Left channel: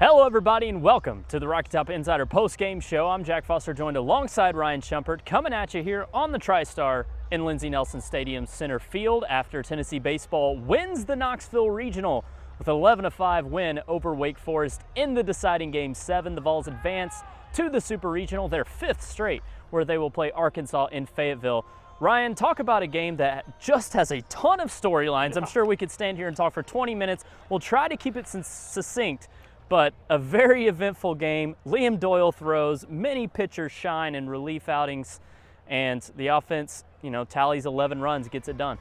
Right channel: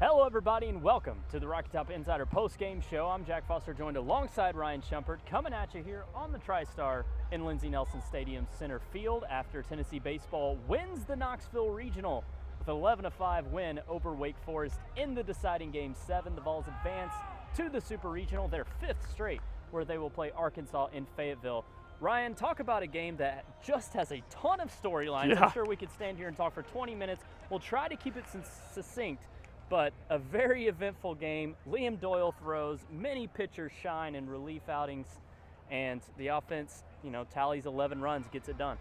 Hello everybody and welcome to the Rocky Top Insider post-game show. I'm Jack Foster, joined alongside Ryan Schumpert, coming at you here on the TriStar in Lindsey Nelson Stadium center field after Tennessee baseball wins the Knoxville Regional with an 11-5 win over Wake Forest in the deciding Game 7. The Vols advance to the Super Regional, their 5th straight, where they will play Arkansas in Fayetteville. Ryan, talk about a game that just has a ton of storylines. Yeah. I'm sure we could stand here and talk for 20 minutes. We'll try to keep it succinct, but a very eventful game. Liam Doyle throws, many pitchers shine in relief outings, and the offense, tallies 11 runs, gets it done.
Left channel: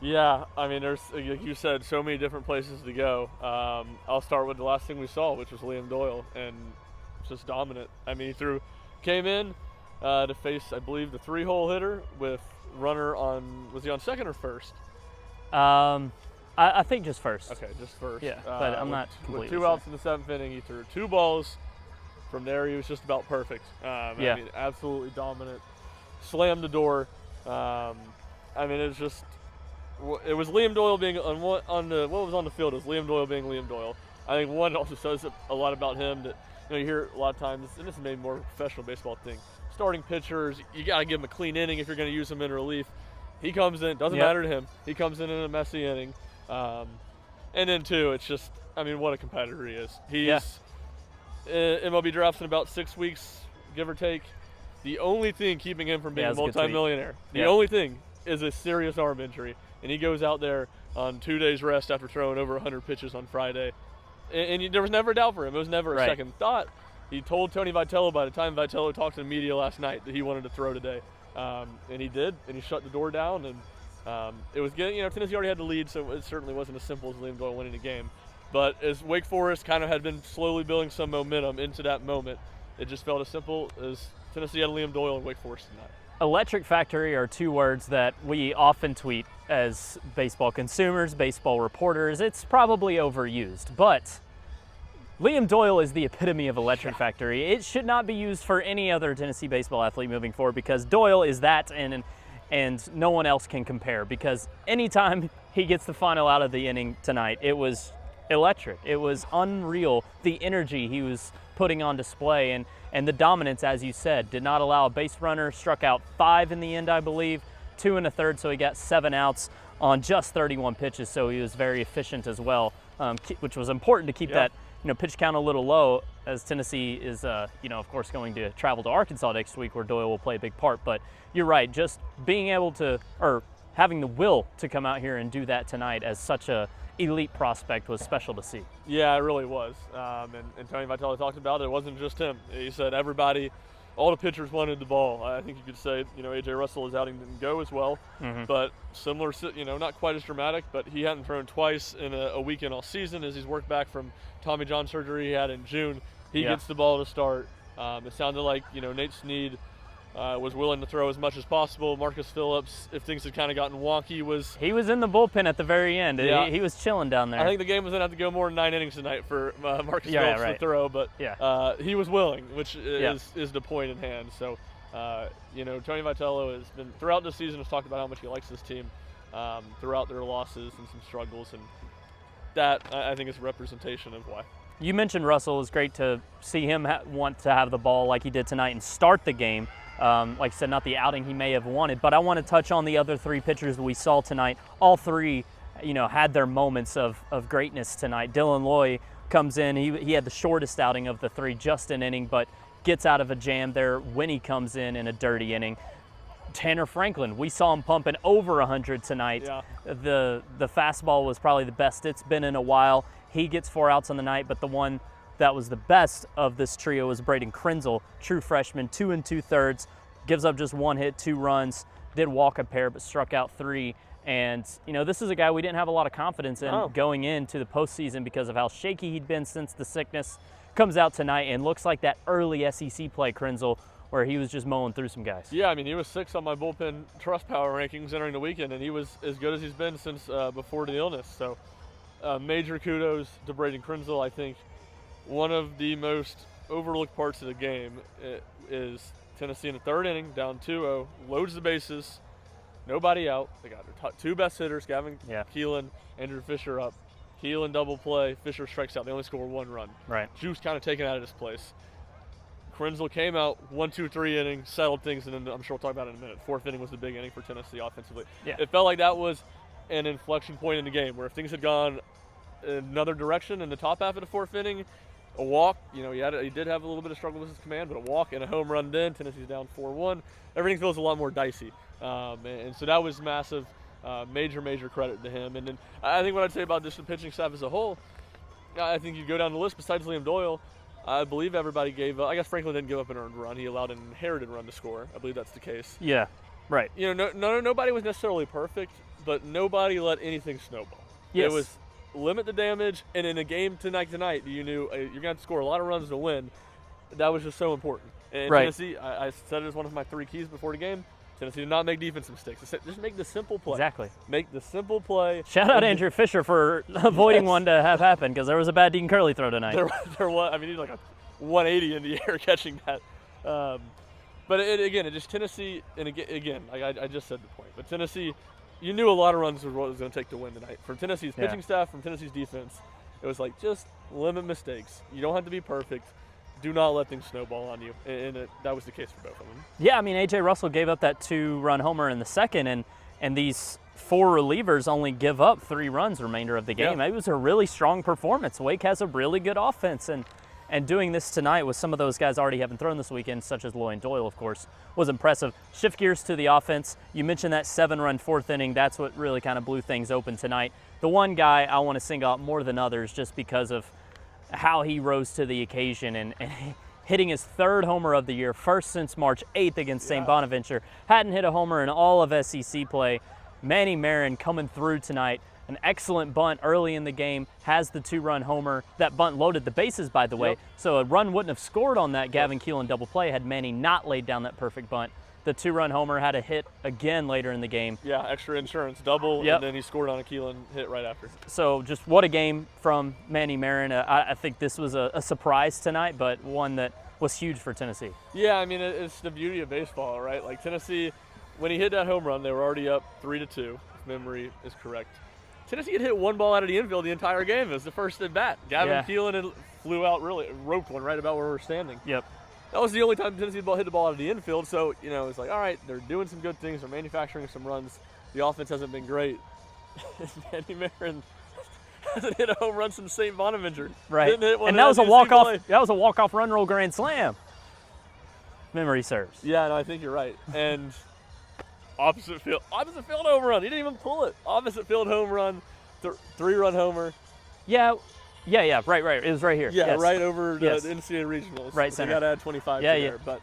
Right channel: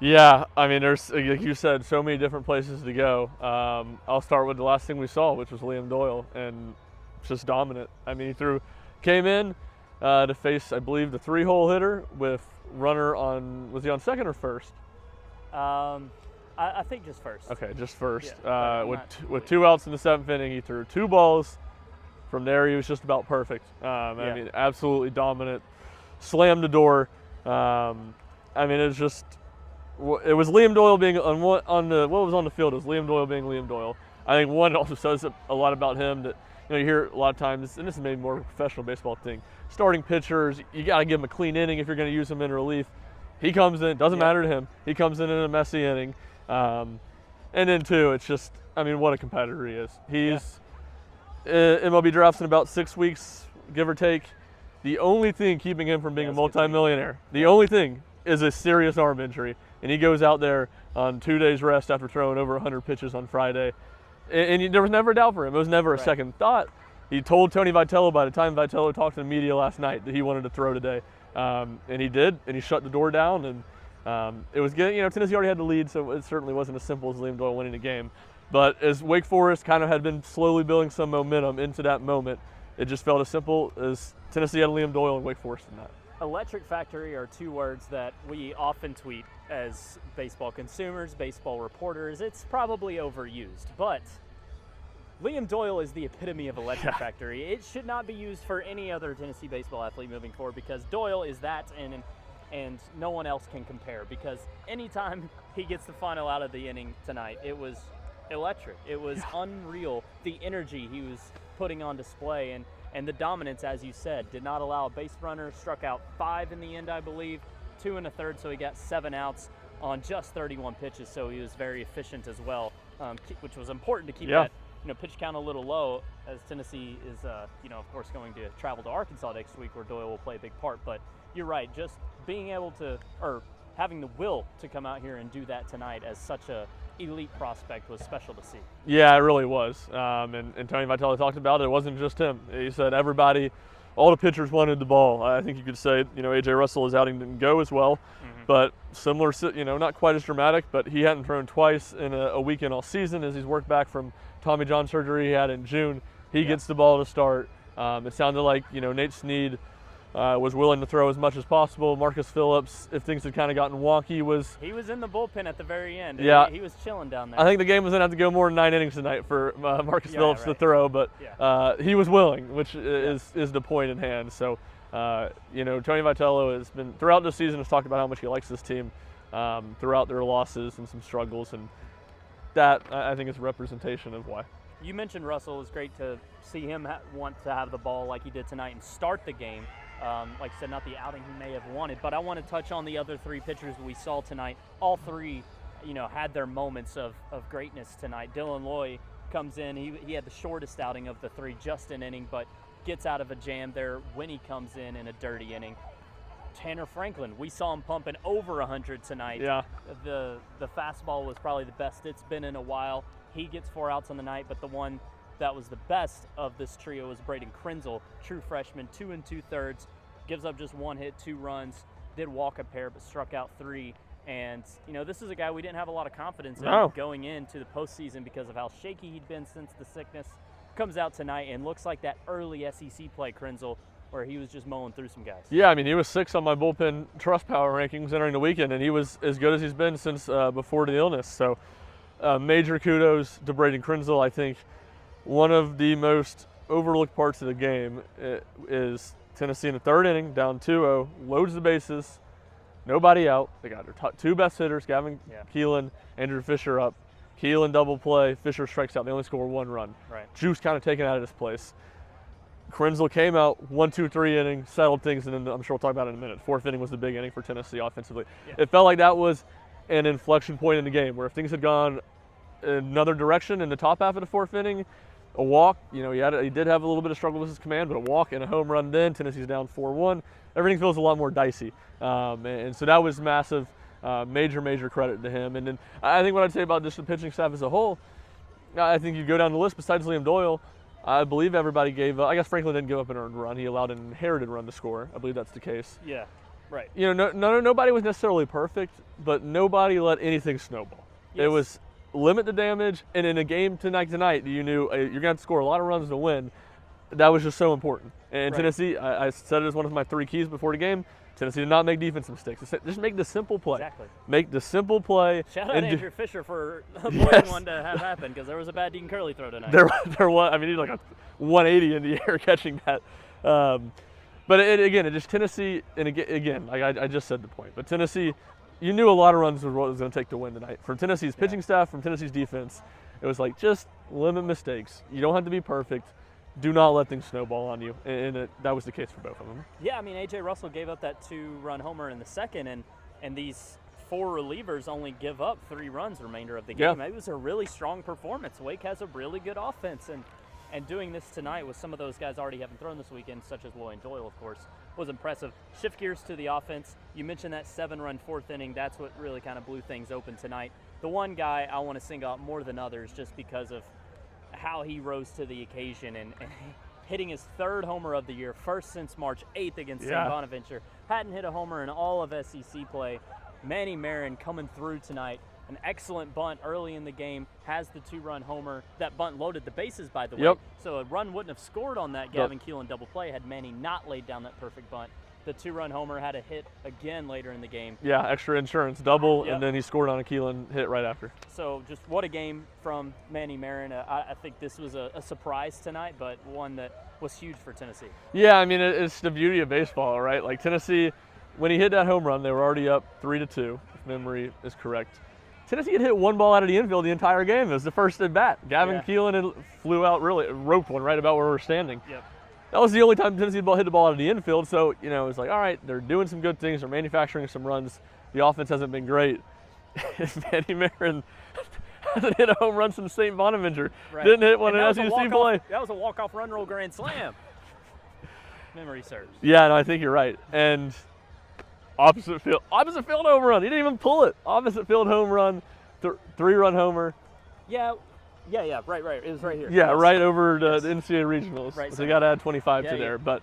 Yeah, I mean, there's, like you said, so many different places to go. I'll start with the last thing we saw, which was Liam Doyle, and just dominant. I mean, he came in to face, I believe, the 3-hole hitter with runner on, was he on second or first? I think just first. Okay, just first. Yeah, with 2 outs in the 7th inning, he threw 2 balls. From there, he was just about perfect. I mean, absolutely dominant. Slammed the door. I mean, it was Liam Doyle being what was on the field was Liam Doyle being Liam Doyle. I think one also says a lot about him that you hear a lot of times, and this is maybe more of a professional baseball thing. Starting pitchers, you got to give them a clean inning if you're going to use them in relief. He comes in, doesn't matter to him. He comes in a messy inning. And then two, it's just, I mean, what a competitor he is. He's MLB drafts in about 6 weeks, give or take. The only thing keeping him from being a multimillionaire, the only thing is a serious arm injury. And he goes out there on 2 days rest after throwing over 100 pitches on Friday. And there was never a doubt for him. It was never a second thought. He told Tony Vitello by the time Vitello talked to the media last night that he wanted to throw today. And he did, and he shut the door down. And it was good. Tennessee already had the lead, so it certainly wasn't as simple as Liam Doyle winning the game. But as Wake Forest kind of had been slowly building some momentum into that moment, it just felt as simple as Tennessee had Liam Doyle and Wake Forest in that. Electric factory are 2 words that we often tweet as baseball consumers, baseball reporters. It's probably overused, but Liam Doyle is the epitome of electric factory. It should not be used for any other Tennessee baseball athlete moving forward because Doyle is that, and no one else can compare, because anytime he gets the final out of the inning tonight, it was electric. It was unreal, the energy he was putting on display, and the dominance, as you said, did not allow a base runner, struck out 5 in the end, I believe, 2 1/3, so he got 7 outs on just 31 pitches, so he was very efficient as well, which was important to keep that pitch count a little low, as Tennessee is, of course, going to travel to Arkansas next week, where Doyle will play a big part. But you're right, just being able to, or having the will to come out here and do that tonight as such a elite prospect was special to see. Yeah, it really was. And Tony Vitello talked about it. It wasn't just him. He said everybody, all the pitchers wanted the ball. I think you could say, A.J. Russell's outing didn't go as well, but similar, not quite as dramatic, but he hadn't thrown twice in a weekend all season as he's worked back from Tommy John surgery he had in June. He gets the ball to start. It sounded like, Nate Snead was willing to throw as much as possible. Marcus Phillips, if things had kind of gotten wonky, he was in the bullpen at the very end. Yeah. He was chilling down there. I think the game was going to have to go more than 9 innings tonight for Marcus Phillips to throw, but he was willing, which is the point in hand. So, Tony Vitello has been, throughout the season, has talked about how much he likes this team throughout their losses and some struggles, and that, I think, is a representation of why. You mentioned Russell. It was great to see him want to have the ball like he did tonight and start the game. Like I said, not the outing he may have wanted, but I want to touch on the other 3 pitchers that we saw tonight. All 3, had their moments of greatness tonight. Dylan Loy comes in. He had the shortest outing of the 3, just an inning, but gets out of a jam there when he comes in a dirty inning. Tanner Franklin, we saw him pumping over 100 tonight. Yeah. The fastball was probably the best it's been in a while. He gets 4 outs on the night, but the one that was the best of this trio was Braden Krenzel, true freshman, 2 2/3, gives up just 1 hit, 2 runs, did walk a pair, but struck out 3. And, this is a guy we didn't have a lot of confidence in going into the postseason because of how shaky he'd been since the sickness. Comes out tonight and looks like that early SEC play, Krenzel, where he was just mowing through some guys. Yeah, I mean, he was 6th on my bullpen trust power rankings entering the weekend, and he was as good as he's been since before the illness. So major kudos to Braden Krenzel. I think one of the most overlooked parts of the game is Tennessee in the 3rd inning, down 2-0, loads the bases, nobody out. They got their 2 best hitters, Gavin Keelan, Andrew Fischer up. Keelan double play, Fischer strikes out. They only score 1 run. Right. Juice kind of taken out of his place. Krenzel came out 1, 2, 3 innings, settled things, and then I'm sure we'll talk about it in a minute. 4th inning was the big inning for Tennessee offensively. Yeah. It felt like that was an inflection point in the game where if things had gone another direction in the top half of the 4th inning, a walk, you know, he did have a little bit of struggle with his command, but a walk and a home run then, Tennessee's down 4-1. Everything feels a lot more dicey. And so that was massive, major credit to him. And then I think what I'd say about just the pitching staff as a whole, I think you go down the list, besides Liam Doyle, I believe everybody gave up. I guess Franklin didn't give up an earned run. He allowed an inherited run to score. I believe that's the case. Yeah, right. You know, nobody was necessarily perfect, but nobody let anything snowball. Yes. It was limit the damage, and in a game tonight, you knew you're going to have to score a lot of runs to win. That was just so important. And right. Tennessee, I said it as one of my 3 keys before the game, Tennessee did not make defense mistakes. Just make the simple play. Exactly. Make the simple play. Shout out Andrew Fischer for avoiding one to have happen, because there was a bad Dean Curley throw tonight. There was. I mean, he was like a 180 in the air catching that. But again, it just Tennessee, and again, I just said the point. But Tennessee, you knew a lot of runs was what it was going to take to win tonight. From Tennessee's pitching staff, from Tennessee's defense, it was like just limit mistakes. You don't have to be perfect. Do not let things snowball on you, and that was the case for both of them. Yeah, I mean, A.J. Russell gave up that 2-run homer in the second, and these 4 relievers only give up 3 runs remainder of the game. Yeah. It was a really strong performance. Wake has a really good offense, and doing this tonight with some of those guys already having thrown this weekend, such as Lloyd Doyle, of course, was impressive. Shift gears to the offense. You mentioned that 7-run 4th inning. That's what really kind of blew things open tonight. The one guy I want to single out more than others just because of how he rose to the occasion and hitting his 3rd homer of the year, first since March 8th against St. Bonaventure. Hadn't hit a homer in all of SEC play. Manny Marin coming through tonight. An excellent bunt early in the game, has the 2-run homer. That bunt loaded the bases, by the way, so a run wouldn't have scored on that Gavin Keelan double play had Manny not laid down that perfect bunt. The 2-run homer had a hit again later in the game. Yeah, extra insurance, double, and then he scored on a Keelan hit right after. So just what a game from Manny Marin. I think this was a surprise tonight, but one that was huge for Tennessee. Yeah, I mean, it's the beauty of baseball, right? Like Tennessee, when he hit that home run, they were already up 3-2, if memory is correct. Tennessee had hit 1 ball out of the infield the entire game. It was the first at bat. Gavin Keelan flew out, really roped one right about where we're standing. Yep. That was the only time Tennessee hit the ball out of the infield. So, you know, it was like, all right, they're doing some good things. They're manufacturing some runs. The offense hasn't been great. Manny Marin hasn't hit a home run since St. Bonaventure. Right. Didn't hit one. And that was a walk-off. That was a walk-off run roll grand slam. Memory serves. Yeah, no, I think you're right. And opposite field home run. He didn't even pull it. Opposite field home run, 3-run homer. Yeah. Right. It was right here. Yeah, right over the NCAA regionals. Right, so you got to add 25 to there. But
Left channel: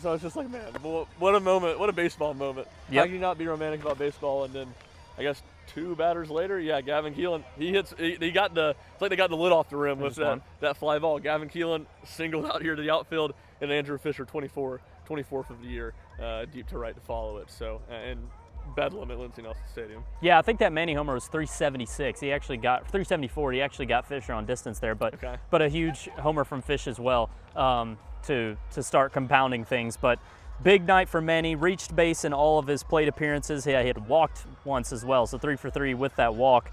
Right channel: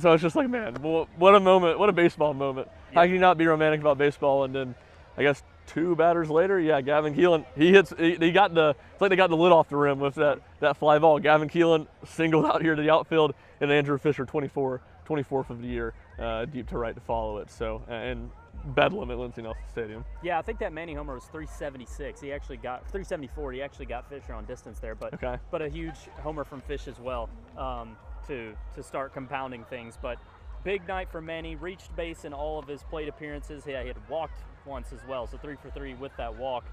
so it's just like, man, what a moment, what a baseball moment. How can you not be romantic about baseball? And then, I guess 2 batters later, Gavin Keelan, he got it's like they got the lid off the rim with that fly ball. Gavin Keelan singled out here to the outfield, and Andrew Fischer, 24th of the year, deep to right to follow it. So and bedlam at Lindsey Nelson Stadium. Yeah, I think that Manny homer was 376. He actually got 374. He actually got Fisher on distance there, but a huge homer from Fish as well to start compounding things. But big night for Manny. Reached base in all of his plate appearances. He had walked once as well, so 3 for 3 with that walk.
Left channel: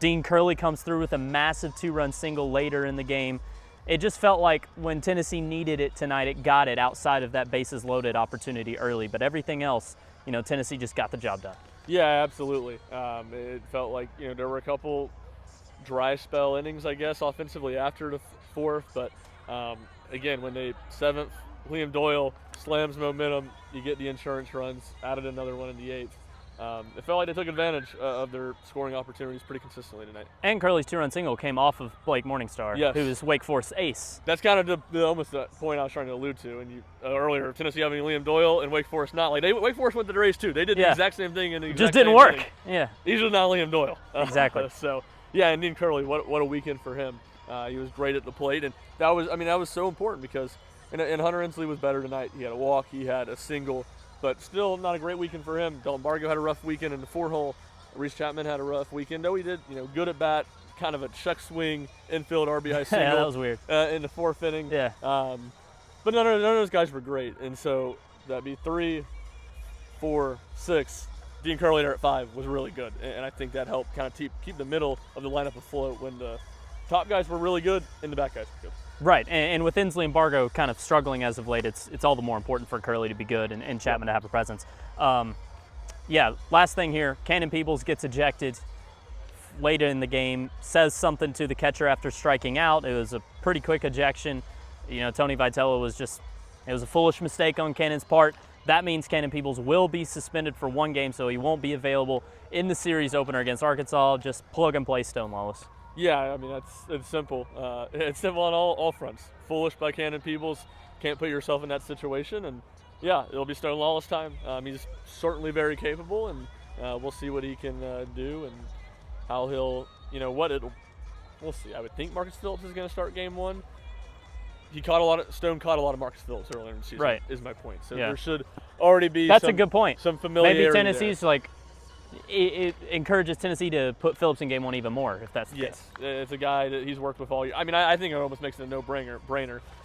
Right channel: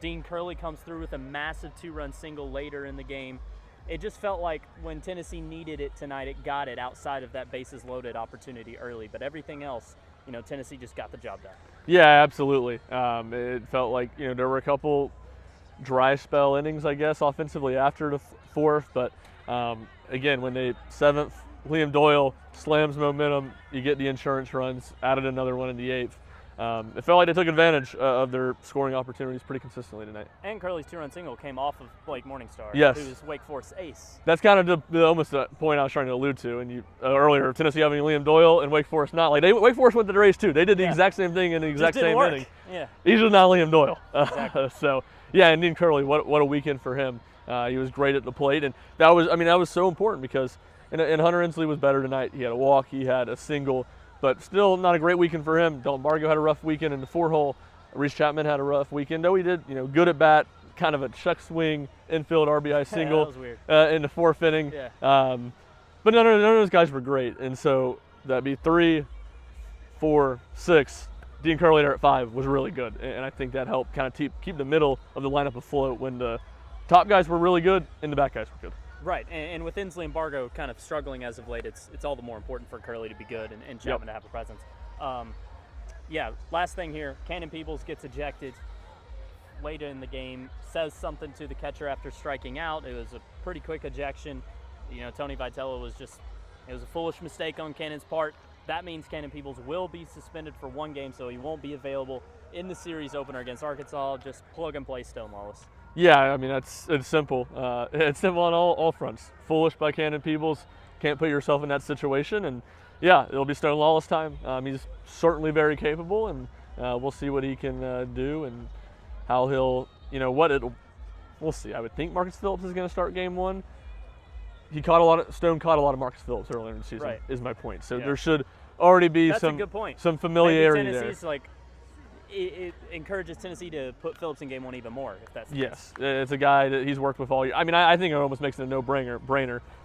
Dean Curley comes through with a massive 2-run single later in the game. It just felt like when Tennessee needed it tonight, it got it outside of that bases loaded opportunity early. But everything else, you know, Tennessee just got the job done. Yeah, absolutely. It felt like, you know, there were a couple dry spell innings, I guess, offensively after the 4th. But again, when the 7th, Liam Doyle slams momentum, you get the insurance runs, added another one in the 8th. It felt like they took advantage of their scoring opportunities pretty consistently tonight. And Curley's 2-run single came off of Blake Morningstar, who is Wake Forest ace. That's kind of almost the point I was trying to allude to. And earlier, Tennessee having Liam Doyle and Wake Forest not. Like Wake Forest went to the race too. They did the exact same thing in the exact just didn't same work. Inning. Yeah. He's just not Liam Doyle. Exactly. So yeah, and Dean Curley, what a weekend for him. He was great at the plate, and that was so important because and Hunter Inslee was better tonight. He had a walk, he had a single. But still not a great weekend for him. Dalton Bargo had a rough weekend in the 4-hole. Reese Chapman had a rough weekend, though he did, good at bat, kind of a check swing, infield RBI single. Yeah, that was weird. In the 4th inning. Yeah. But none of those guys were great. And so that'd be 3, 4, 6. Dean Curley there at 5 was really good, and I think that helped kind of keep the middle of the lineup afloat when the top guys were really good and the back guys were good. Right, and with Inslee and Bargo kind of struggling as of late, it's all the more important for Curley to be good and Chapman to have a presence. Last thing here, Canon Peebles gets ejected late in the game, says something to the catcher after striking out. It was a pretty quick ejection. Tony Vitello it was a foolish mistake on Canon's part. That means Canon Peebles will be suspended for 1 game, so he won't be available in the series opener against Arkansas. Just plug and play Stone Lawless. Yeah, I mean, it's simple. It's simple on all fronts. Foolish by Canon Peebles. Can't put yourself in that situation. And yeah, it'll be Stone Lawless time. He's certainly very capable, and we'll see what he can do and how he'll, we'll see. I would think Marcus Phillips is going to start game 1. Stone caught a lot of Marcus Phillips earlier in the season, right, is my point. So there should already be a good point. Some familiarity. Maybe Tennessee's there. It encourages Tennessee to put Phillips in game 1 even more, if that's the case. It's a guy that he's worked with all year. I mean, I think it almost makes it a no-brainer.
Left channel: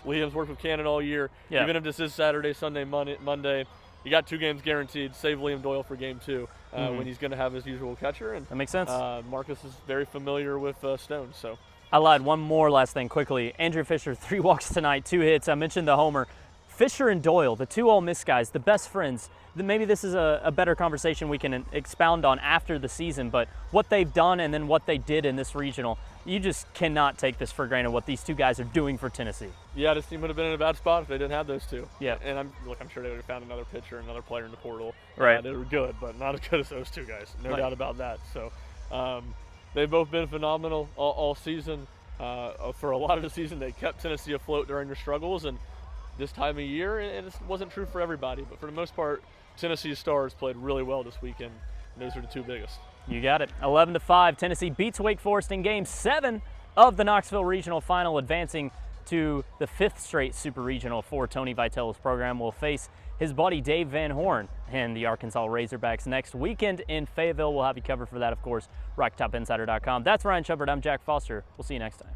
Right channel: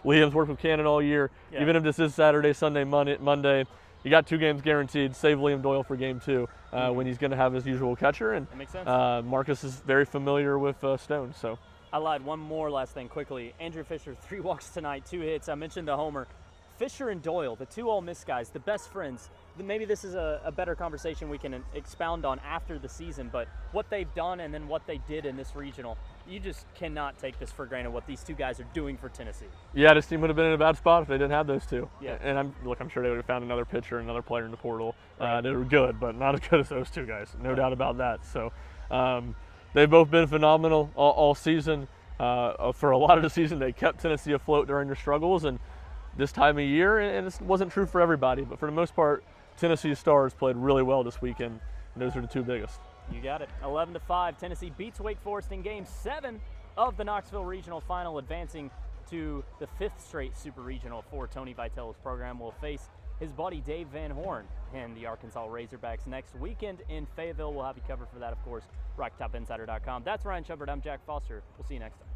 Liam's worked with Canon all year. Yeah. Even if this is Saturday, Sunday, Monday, you got 2 games guaranteed. Save Liam Doyle for game 2 when he's going to have his usual catcher. And that makes sense. Marcus is very familiar with Stone. So I lied. One more last thing quickly. Andrew Fischer, 3 walks tonight, 2 hits. I mentioned the homer. Fischer and Doyle, the 2 Ole Miss guys, the best friends. Maybe this is a better conversation we can expound on after the season, but what they've done and then what they did in this regional, you just cannot take this for granted what these 2 guys are doing for Tennessee. Yeah, this team would have been in a bad spot if they didn't have those 2. Yeah. And I'm sure they would have found another pitcher, another player in the portal. Right. They were good, but not as good as those 2 guys. No doubt about that. So they've both been phenomenal all season. For a lot of the season, they kept Tennessee afloat during their struggles, and this time of year, and this wasn't true for everybody, but for the most part, Tennessee's stars played really well this weekend. And those are the 2 biggest. You got it. 11-5, Tennessee beats Wake Forest in Game 7 of the Knoxville Regional Final, advancing to the 5th straight Super Regional for Tony Vitello's program. Will face his buddy Dave Van Horn and the Arkansas Razorbacks next weekend in Fayetteville. We'll have you covered for that, of course, RockTopInsider.com. That's Ryan Schumpert. I'm Jack Foster. We'll see you next time.